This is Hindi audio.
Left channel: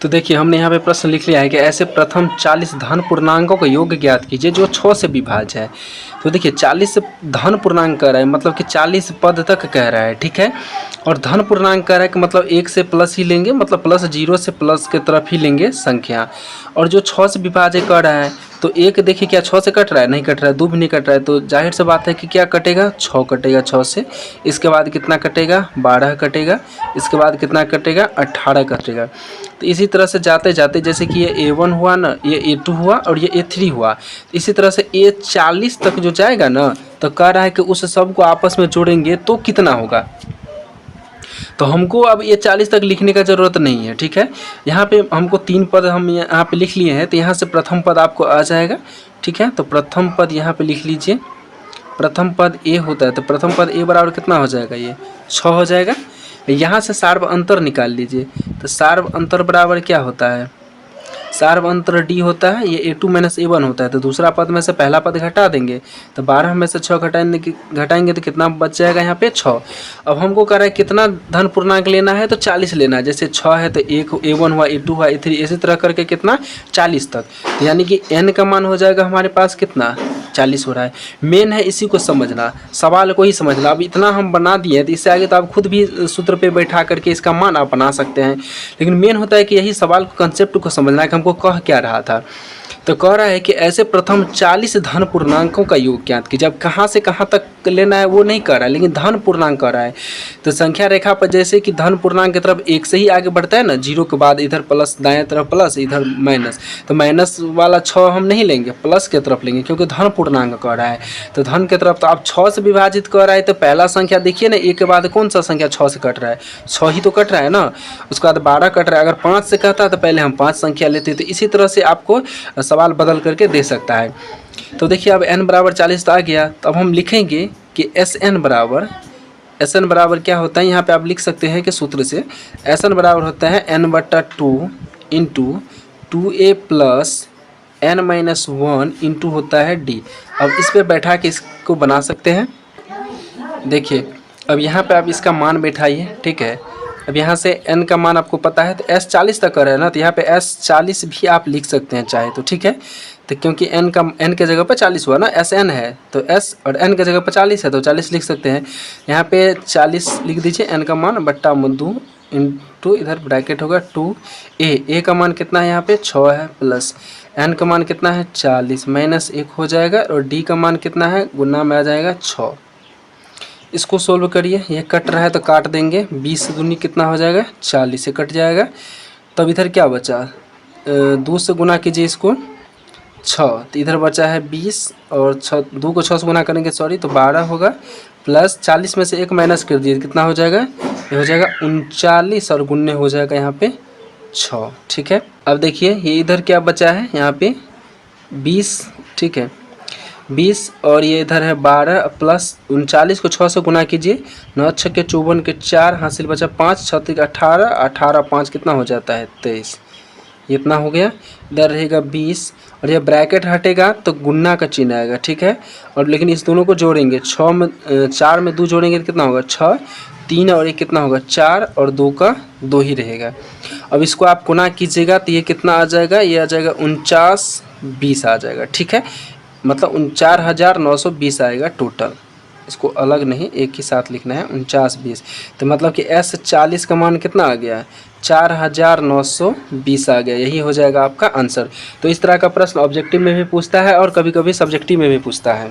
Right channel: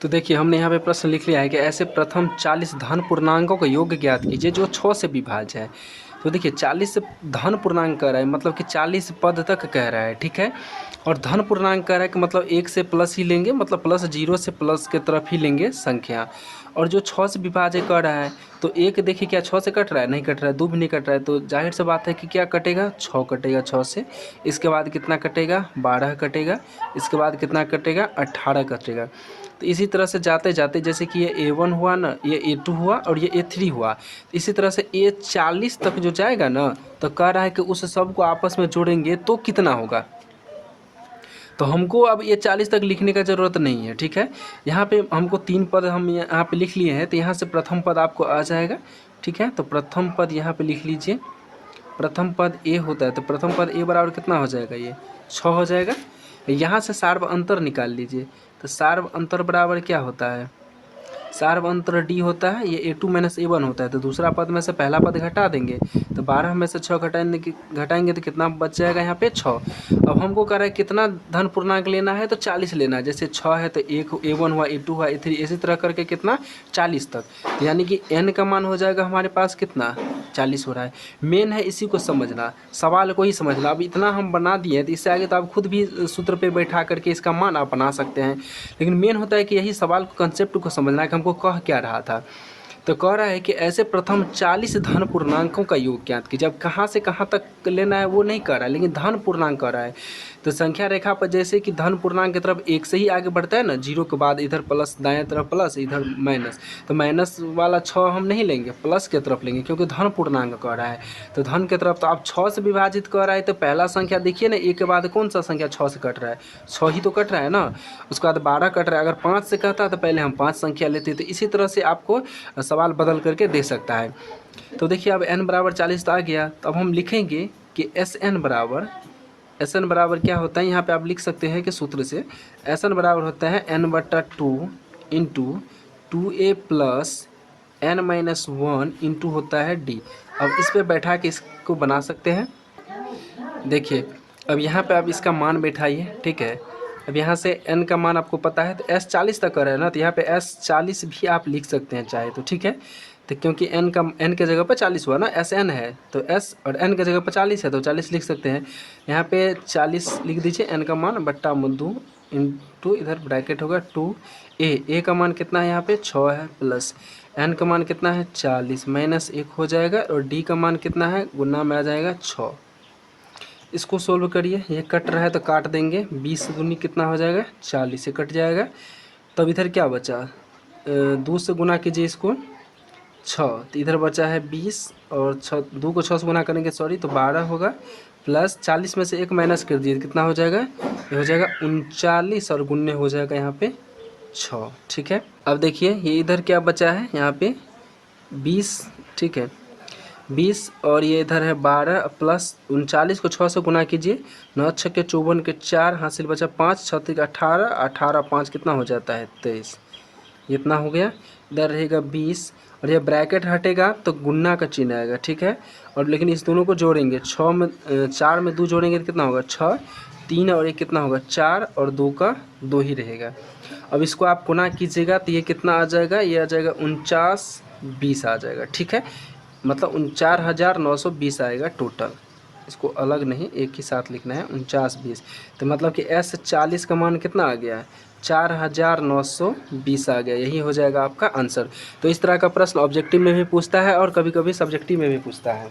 तो देखिए हमने यहाँ पे प्रश्न लिख लिया है कि ऐसे प्रथम 40 धन पूर्णांकों का योग ज्ञात कीजिए जो 6 से विभाज्य है। तो देखिए 40 धन पूर्णांक कह रहा है, मतलब कि 40 पद तक कह रहा है, ठीक है। और धन पूर्णांक कह रहा है कि मतलब 1 से प्लस ही लेंगे, मतलब प्लस 0 से प्लस के तरफ ही लेंगे संख्या। और जो 6 से विभाज्य कह रहा है, तो एक देखिए क्या 6 से कट रहा है, नहीं कट रहा है, 2 भी नहीं कट रहा है, तो जाहिर सी बात है कि क्या कटेगा, 6 कटेगा 6 से। इसके बाद कितना कटेगा, 12 कटेगा। इसके बाद कितना कटेगा, 18 कटेगा। तो इसी तरह से जाते जाते जैसे कि ये A1 हुआ ना, ये A2 हुआ और ये A3 हुआ, इसी तरह से A40 तक जो जाएगा ना, तो कह रहा है कि उस सब को आपस में जोड़ेंगे तो कितना होगा। तो हमको अब ये 40 तक लिखने का ज़रूरत नहीं है, ठीक है। यहाँ पे हमको 3 पद हम यहाँ पे लिख लिए हैं, तो यहाँ से प्रथम पद आपको आ जाएगा, ठीक है। तो प्रथम पद यहाँ पे लिख लीजिए, प्रथम पद A होता है, तो प्रथम पद A बराबर कितना हो जाएगा, ये 6 हो जाएगा। यहाँ से सार्व अंतर निकाल लीजिए, तो सार्व अंतर बराबर क्या होता है, सार्व अंतर D होता है, ये A2 माइनस A1 होता है। तो दूसरा पद में से पहला पद घटा देंगे, तो 12 में से 6 घटाएंगे तो कितना बच जाएगा, यहाँ पे 6। अब हमको कह रहा है कितना धन पूर्णांक लेना है, तो 40 लेना है। जैसे 6 है तो एक A1 हुआ, A2 हुआ, A3, इसी तरह करके कितना 40 तक। तो यानी कि n का मान हो जाएगा हमारे पास कितना, 40 हो रहा है। मेन है इसी को समझना, सवाल को ही समझना। अब इतना हम बना दिए, तो इससे आगे तो आप खुद भी सूत्र पे बैठा करके इसका मान आप बना सकते हैं, लेकिन मेन होता है कि यही सवाल को, कंसेप्ट को समझना है कि हमको कह क्या रहा था। तो कह रहा है कि ऐसे प्रथम 40 धन पूर्णांकों का योग ज्ञात कीजिए। अब कहाँ से कहाँ तक लेना है वो नहीं कह रहा है, लेकिन धन पूर्णांक कह रहा है। तो संख्या रेखा पर जैसे कि धन पूर्णांक की तरफ एक से ही आगे बढ़ता है ना, 0 के बाद इधर प्लस, दाएं तरफ प्लस, इधर माइनस, तो माइनस वाला 6 हम नहीं लेंगे, प्लस की तरफ लेंगे, क्योंकि धन पूर्णांक कह रहा है। तो धन की तरफ, तो आप 6 से विभाजित कर रहा है, तो पहला संख्या देखिए ना, एक के बाद कौन सा संख्या 6 से कट रहा है, 6 ही तो कट रहा है ना। उसके बाद 12 कट रहा है। अगर 5 से कहता तो पहले हम 5 संख्या लेते। तो इसी तरह से आपको सवाल बदल करके दे सकता है। तो देखिए अब n बराबर 40 तो आ गया, तो अब हम लिखेंगे कि Sn बराबर क्या होता है, यहाँ पे आप लिख सकते हैं कि सूत्र से Sn बराबर होता है n/2 into 2a plus n-1 into होता है d। अब इस पे बैठा के इसको बना सकते हैं। देखिए अब यहाँ पे आप इसका मान बैठाइए, ठीक है। अब यहाँ से n का मान आपको पता है, तो s 40 तक कर है ना, तो यहाँ पे s 40 भी आप लिख सकते हैं चाहे तो, ठीक है। तो क्योंकि n के जगह पर 40 हुआ ना, Sn है, तो s और n के जगह पर 40 है, तो 40 लिख सकते हैं। यहाँ पे 40 लिख दीजिए, n का मान बट्टा 2 इंटू इधर ब्रैकेट होगा 2a का मान कितना है, यहाँ पे 6 है, प्लस n का मान कितना है 40 माइनस 1 हो जाएगा, और d का मान कितना है, गुना में आ जाएगा 6। इसको सोल्व करिए, ये कट रहा है तो काट देंगे, 20 से दूनी कितना हो जाएगा, 40 से कट जाएगा। तब इधर क्या बचा, 2 से गुना कीजिए इसको 6, तो इधर बचा है 20, और 2 को 6 से गुना करेंगे, सॉरी, तो 12 होगा, प्लस 40 में से 1 माइनस कर दिए, कितना हो जाएगा, ये हो जाएगा 39, और गुन्ने हो जाएगा यहाँ पे 6, ठीक है। अब देखिए ये इधर क्या बचा है, यहाँ पे 20, ठीक है, 20, और ये इधर है 12, प्लस 39 को 6 से गुना कीजिए, 9 6 के 54 के 4, हासिल बचा 5, 6 3 18, 18 5 कितना हो जाता है 23, इतना हो गया। इधर रहेगा 20, और ये ब्रैकेट हटेगा तो गुन्ना का चिन्ह आएगा, ठीक है। और लेकिन इस दोनों को जोड़ेंगे, 6 में 4 में 2 जोड़ेंगे तो कितना होगा 6, 3 और 1 कितना होगा 4, और 2 का 2 ही रहेगा। अब इसको आप गुना कीजिएगा तो ये कितना आ जाएगा, ये आ जाएगा 49 20 आ जाएगा, ठीक है। मतलब 49,920 आएगा टोटल, इसको अलग नहीं एक ही साथ लिखना है, 49 20। तो मतलब कि S40 का मान कितना आ गया, 4,920 आ गया, यही हो जाएगा आपका आंसर। तो इस तरह का प्रश्न ऑब्जेक्टिव में भी पूछता है और कभी कभी सब्जेक्टिव में भी पूछता है।